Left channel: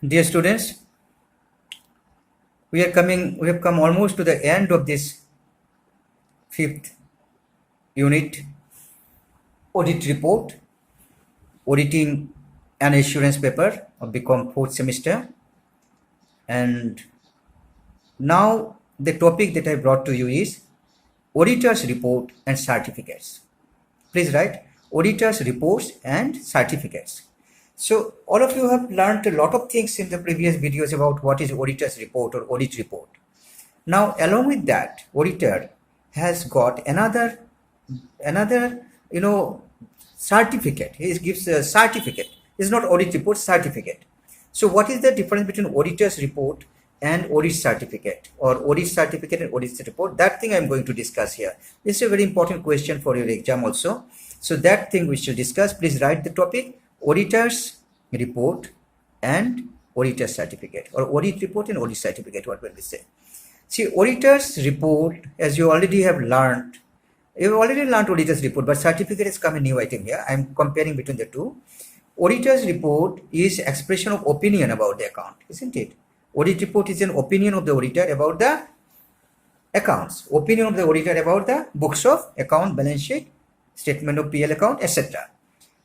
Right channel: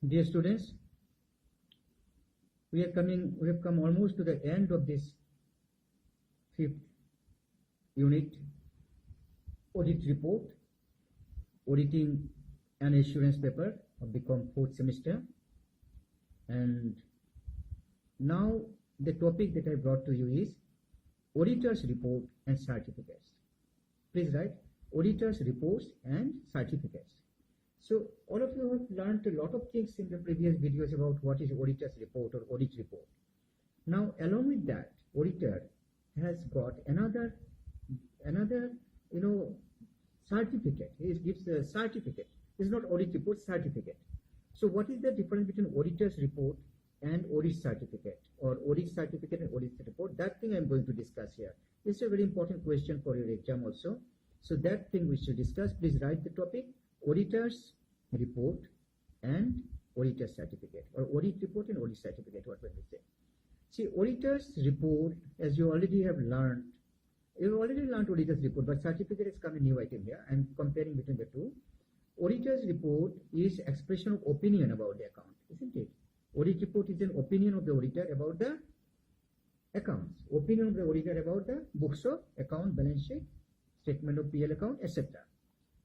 Dear students, we have come almost to the end of this fifth unit, audit report, auditing an assurance paper of BCom fourth semester. And now the topic that I brought to you is auditors report and certificates. Please write auditors reports and certificates. So all of you have learned a lot of things in the previous videos about what is auditor's report or audit report. Now along with that, auditor has got another certificate. He gives a certificate. It's not audit report, certificate. So what is the difference between auditor's report and audit certificate, or audit certificate and audit report? That thing I'm going to discuss here. This is a very important question for your exam also. So that thing we shall discuss. Please write the topic auditor's report and auditor's certificate, or audit report and audit certificate, what will we say? See, auditor's report, as you already have learned, you've already learned auditor's report, but certificate has come a new item here. I'm comparing between the two. Auditor's report is expression of opinion about the account, isn't it? Audit report is an opinion of the auditor about the accounts, opinion of the auditor about the books of account, balance sheet, statement of PL account, etc.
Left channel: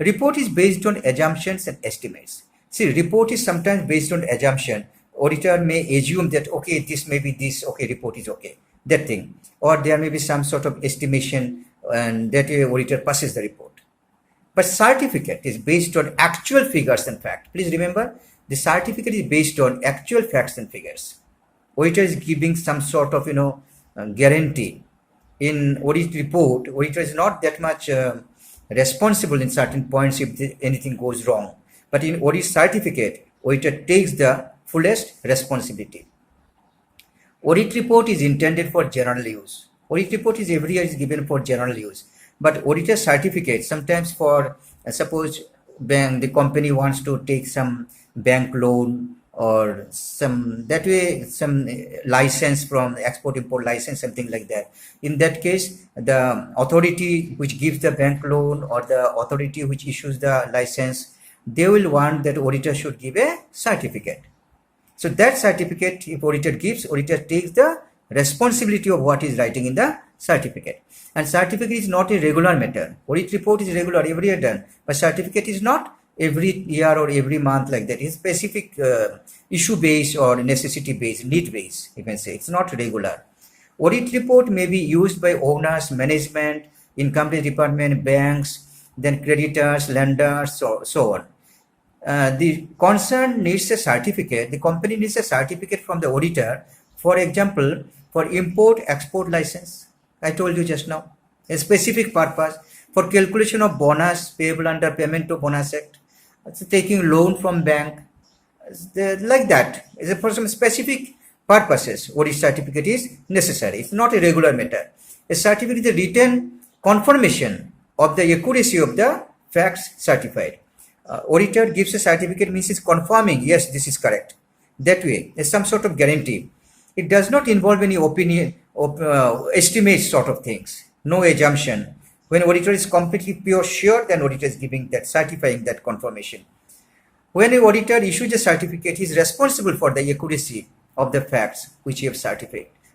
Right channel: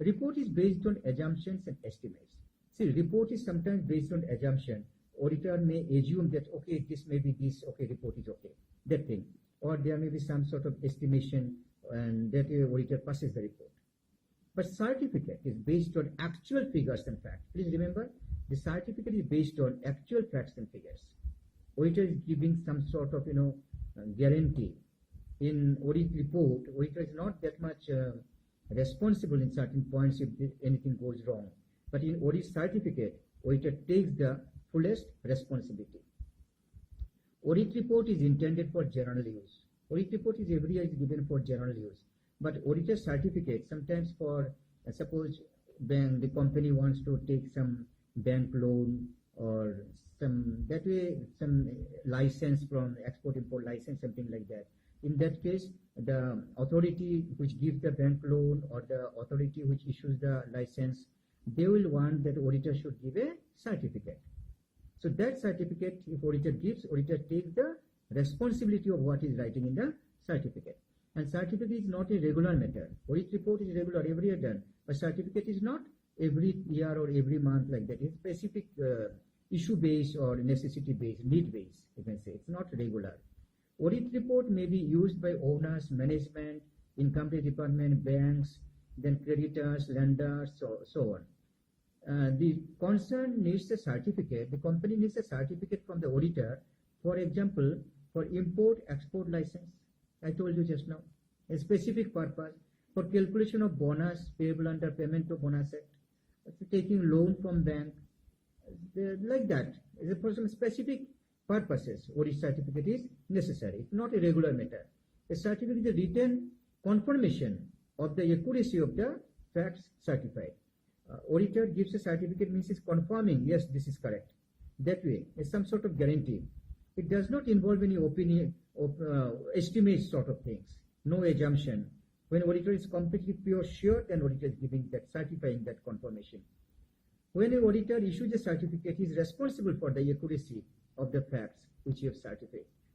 Report is based on assumptions and estimates. See, report is sometimes based on assumption. Auditor may assume that, okay, this may be this, okay, report is okay, that thing. Or there may be some sort of estimation, and that way auditor passes the report. But certificate is based on actual figures and facts. Please remember, the certificate is based on actual facts and figures. Auditor is giving some sort of, guarantee. In audit report, auditor is not that much responsible in certain points if anything goes wrong. But in audit certificate, auditor takes the fullest responsibility. Audit report is intended for general use. Audit report is every year is given for general use. But auditor certificate, sometimes for, suppose the company wants to take some bank loan or some license from export import license, something like that. In that case, the authority which gives the bank loan or the authority which issues the license, they will want that auditor should give a certificate. So that certificate, if auditor gives, auditor takes the responsibility of what is writing in the certificate. And certificate is not a regular matter. Audit report is regular, every year done, but certificate is not every year or every month like that. It's specific issue based or necessity based, need based, you can say. It's not regular. Audit report may be used by owners, management, income tax department, banks, then creditors, lenders, so on. The concern needs a certificate. The company needs a certificate from the auditor, for example, for import export license. I told you just now, a specific purpose, for calculation of bonus payable under Payment to Bonus Act, taking loan from bank, like that. For some specific purposes, audit certificate is necessary. It's not a regular matter. A certificate is a written confirmation of the accuracy of the facts certified. Auditor gives a certificate, means it's confirming, yes, this is correct. That way, there's some sort of guarantee. It does not involve any opinion of estimate sort of things, no assumption. When auditor is completely pure sure, then auditor is giving that, certifying that confirmation. When an auditor issues a certificate, he is responsible for the accuracy of the facts which he has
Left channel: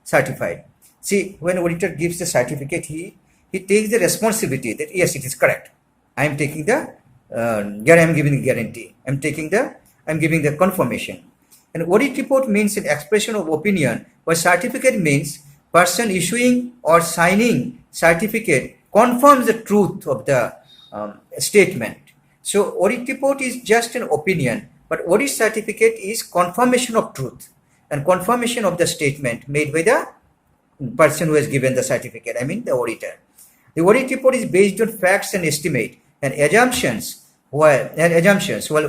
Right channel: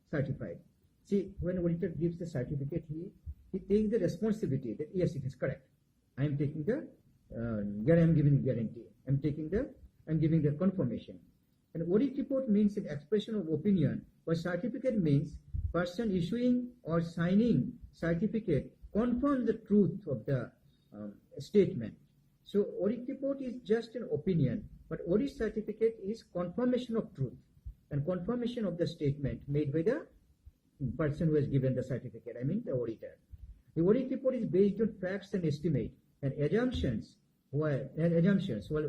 certified. See, when auditor gives the certificate, he takes the responsibility that yes, it is correct. I am taking the I'm giving the guarantee. I'm giving the confirmation. An audit report means an expression of opinion, while certificate means person issuing or signing certificate confirms the truth of the statement. So audit report is just an opinion, but audit certificate is confirmation of truth and confirmation of the statement made by the person who has given the certificate, I mean the auditor. The audit report is based on facts and estimate and assumptions, while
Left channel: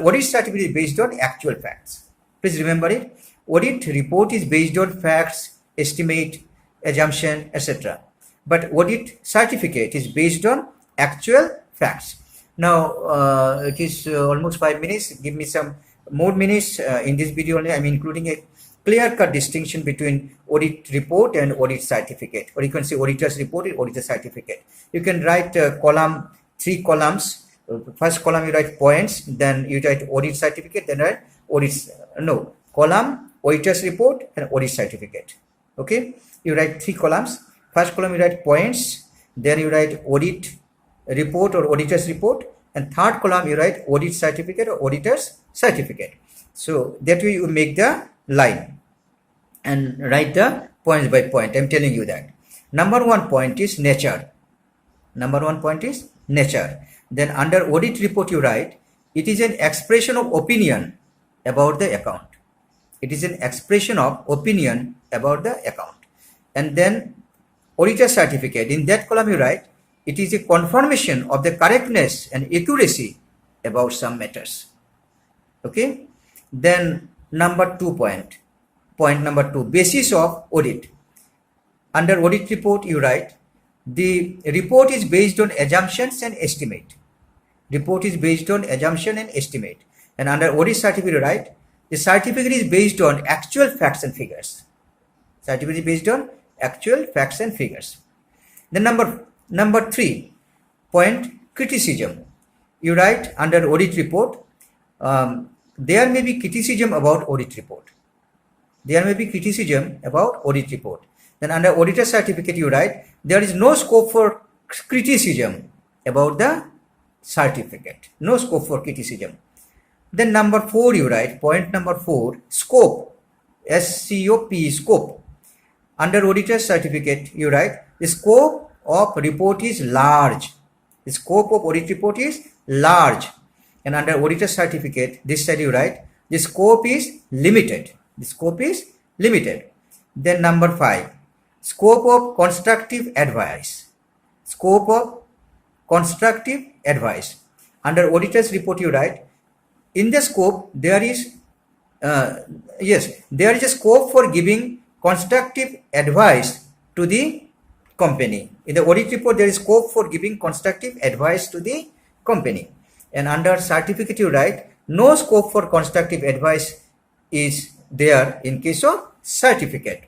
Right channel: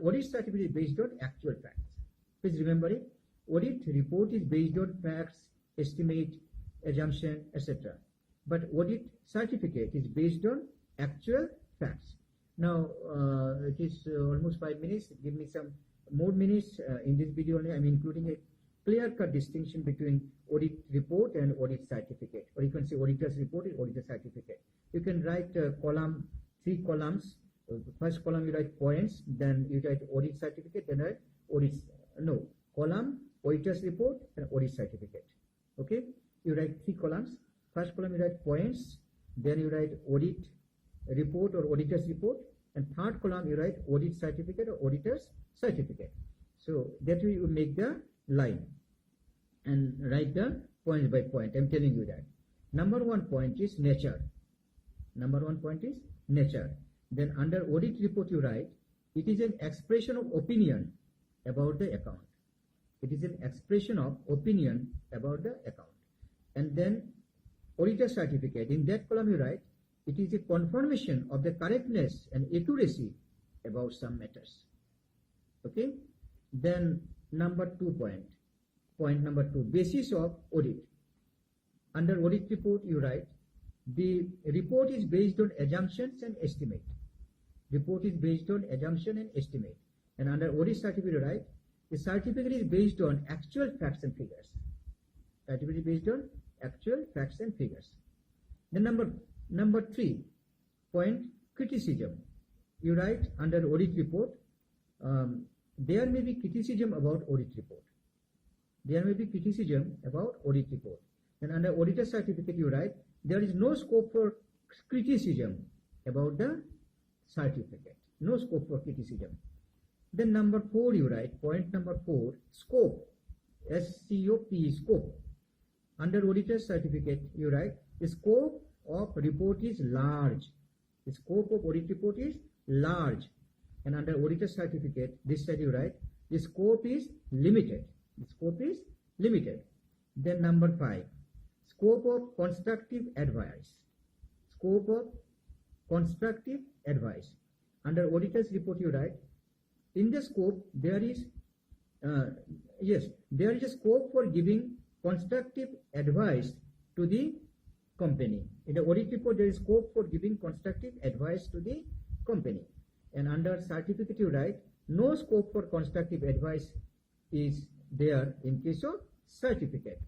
audit certificate is based on actual facts. Please remember it. Audit report is based on facts, estimate, assumption, etc. But audit certificate is based on actual facts. Now it is almost 5 minutes. Give me some more minutes in this video only. I'm including a clear-cut distinction between audit report and audit certificate, or you can say auditor's report and auditor certificate. You can write three columns. First column you write points, then you write audit certificate, then write audit no, column auditor's report and audit certificate. Okay, you write 3 columns. First column you write points, then you write audit report or auditor's report, and third column you write audit certificate or auditor's certificate. So that way you make the line and write the points by point. I'm telling you that. Number 1 point is nature. Number 1 point is nature. Then under audit report you write, it is an expression of opinion about the account. It is an expression of opinion about the account. And then auditor certificate, in that column you write, it is a confirmation of the correctness and accuracy about some matters. Okay. Then number 2 point number 2, basis of audit. Under audit report you write, the report is based on assumptions and estimate. Report is based on assumption and estimate. And under audit certificate you write, the certificate is based on actual facts and figures. Certificate is based on actual facts and figures. Then number 3 point, criticism. You write under audit report, there may be criticism about audit report. There may be criticism about audit report. Then under auditor certificate you write, there is no scope for criticism about the certificate. No scope for criticism. Then number 4 you write, point number 4, scope. S-C-O-P, scope. Under auditor certificate you write, the scope of report is large. The scope of audit report is large. And under auditor certificate, this side you write, the scope is limited. The scope is limited. Then number 5, scope of constructive advice. Scope of constructive advice. Under auditor's report you write, in the scope there is there is a scope for giving constructive advice to the company. In the audit report there is scope for giving constructive advice to the company. And under certificate you write, no scope for constructive advice is there in case of certificate.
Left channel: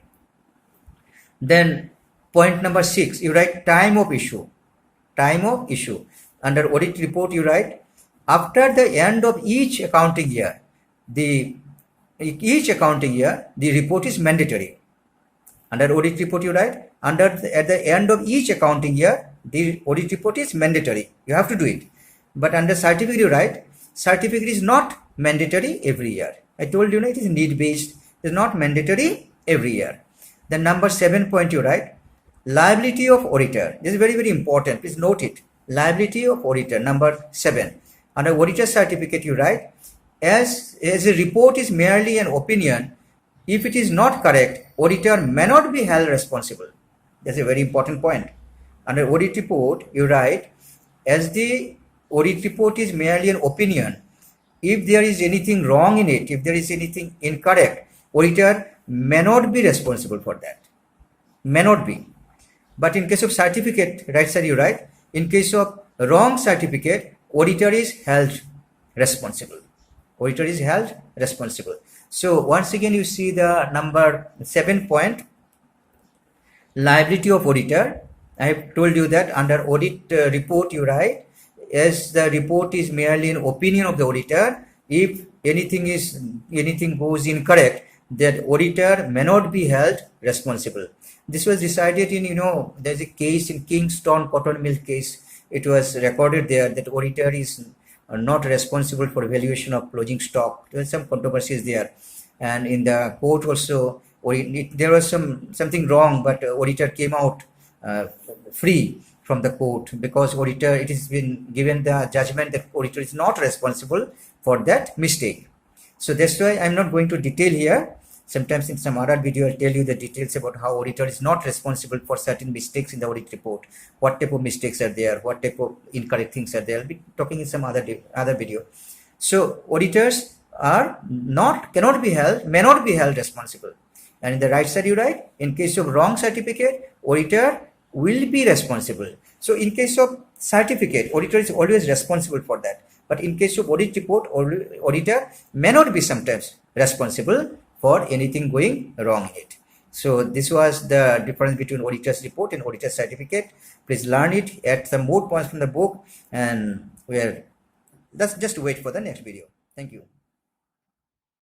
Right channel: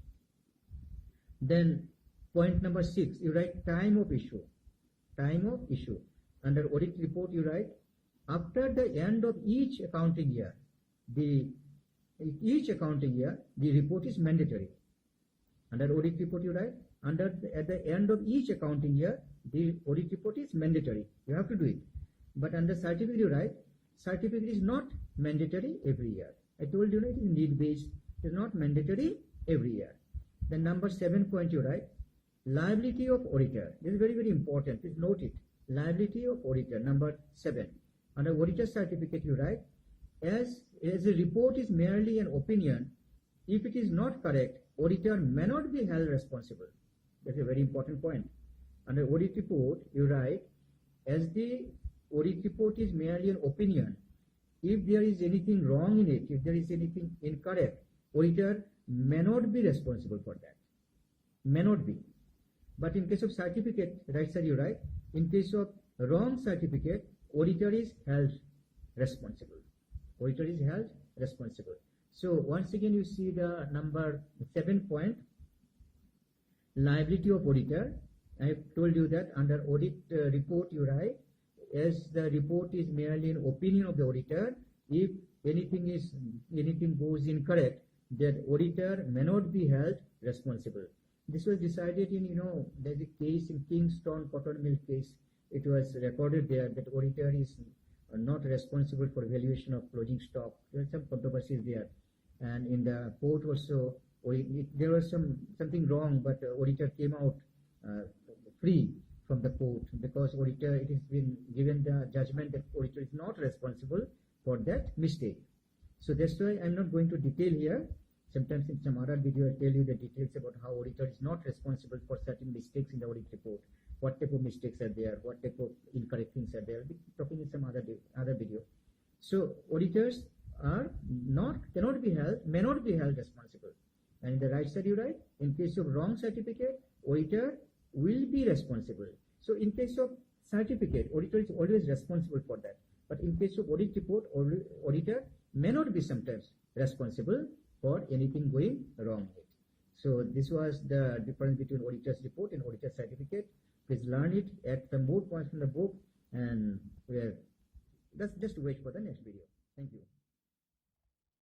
Then point number 6, you write time of issue. Time of issue. Under audit report you write, after the end of each accounting year, the report is mandatory. Under audit report you write, at the end of each accounting year, the audit report is mandatory. You have to do it. But under certificate you write, certificate is not mandatory every year. I told you, it is need based. It is not mandatory every year. Then number 7 point you write, liability of auditor. This is very, very important. Please note it. Liability of auditor, number 7. Under auditor certificate you write, as a report is merely an opinion, if it is not correct, auditor may not be held responsible. That's a very important point. Under audit report you write, as the audit report is merely an opinion, if there is anything wrong in it, if there is anything incorrect, auditor may not be responsible for that. May not be. But in case of certificate, right side you write, in case of wrong certificate, auditor is held responsible. Auditor is held responsible. So once again you see the number 7 point, liability of auditor. I have told you that under audit report you write, as the report is merely an opinion of the auditor, if anything goes incorrect, that auditor may not be held responsible. This was decided in, there's a case in Kingston cotton mill case. It was recorded there that auditor is not responsible for valuation of closing stock. There was some controversies there, and in the court also there was something wrong, but auditor came out free from the court, because auditor, it has been given the judgment that auditor is not responsible for that mistake. So that's why I'm not going to detail here. Sometimes in some other video I'll tell you the details about how auditor is not responsible for certain mistakes in the audit report, what type of mistakes are there, what type of incorrect things are there. I'll be talking in some other video. So auditors cannot be held, may not be held responsible. And in the right side you write, in case of wrong certificate, auditor will be responsible. So in case of certificate, auditor is always responsible for that. But in case of audit report, auditor may not be sometimes responsible for anything going wrong in it. So this was the difference between auditor's report and auditor's certificate. Please learn it, add some more points from the book, and let's just wait for the next video. Thank you.